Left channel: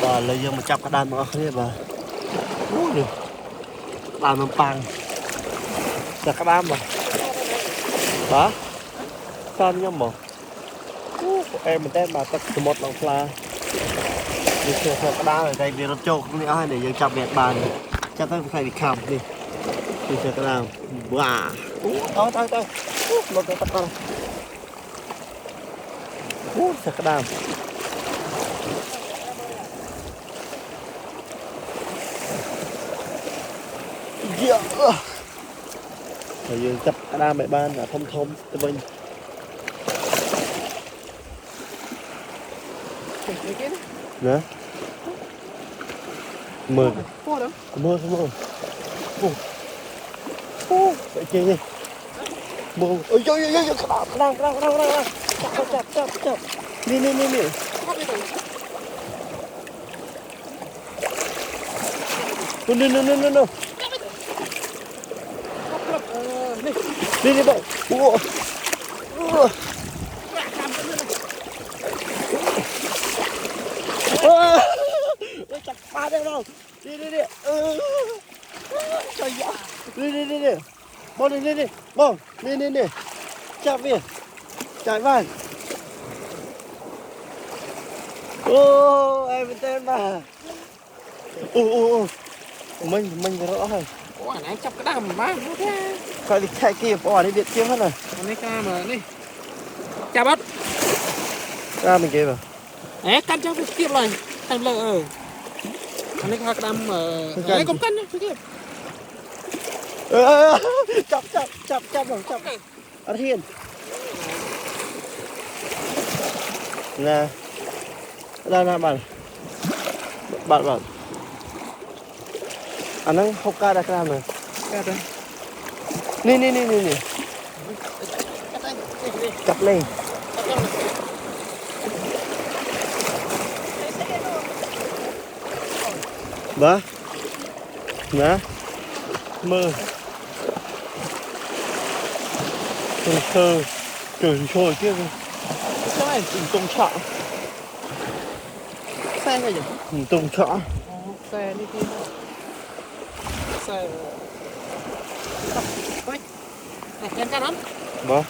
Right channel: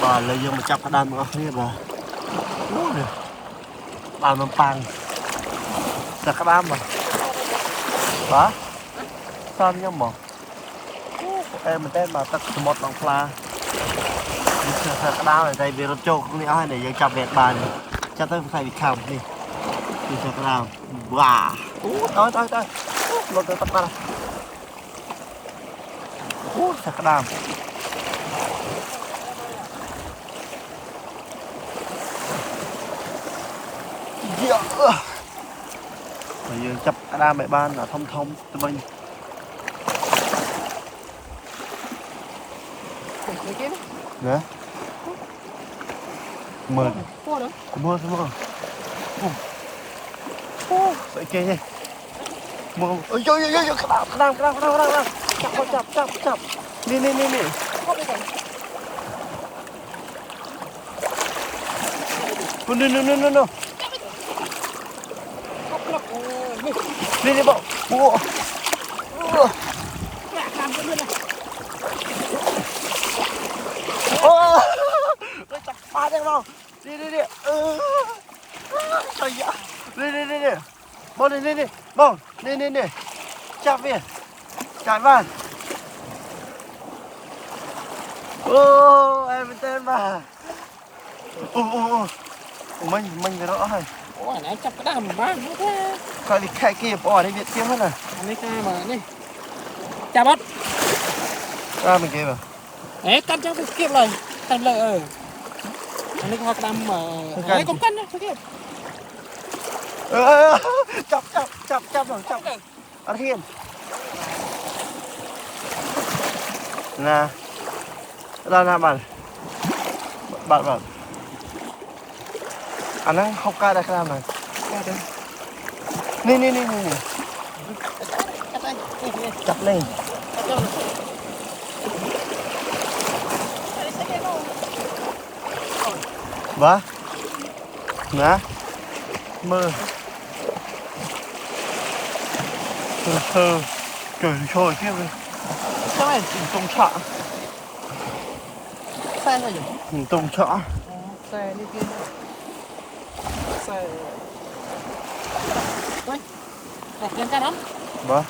Bà lấy vô một chắp cái đàn mà không bà. Ú được. Đàn mình pang. Sao cái đàn mà. Bà. Sao nó nhầm mà. Em mình tên mà tất cả một lòng pha. Đi sửa cái đàn ở đây vì nó trâu không nữa để dân chắp việc bà này. Chắc tới phải bị khám đi. Đi sửa cái đàn. Wow. Tới. Một cái tắt ra. Sửa cái đàn. Bây giờ chập ra mẹ ban là thông tụi mình nè mơ vậy kia gì mơ ơi chập đi no đi bộ chặt ba đây không đi đi bông đi bông đi chặt về chạy vào em tên mà mình rõ hơn ủa này chọc cái đám ba nữa thế coi đi khai kia bỏ đi điện kia hết rồi anh ấy ca mà đi chà bớt ra mình kia mà cắt cho cái kiếp rồi thành lợi anh ấy ca cái đám mà ấy cũng cân nhá cái kiếp chọc ở thiên nè ra làm bạn anh ấy không ca ra cái nào rồi ca đây nè chập lên ba nè mơ sơ trời trôi kia rồi sao này tung chọn xe rồi nhỉ tung chọn xe đi kia xe quay này lên cái đó ba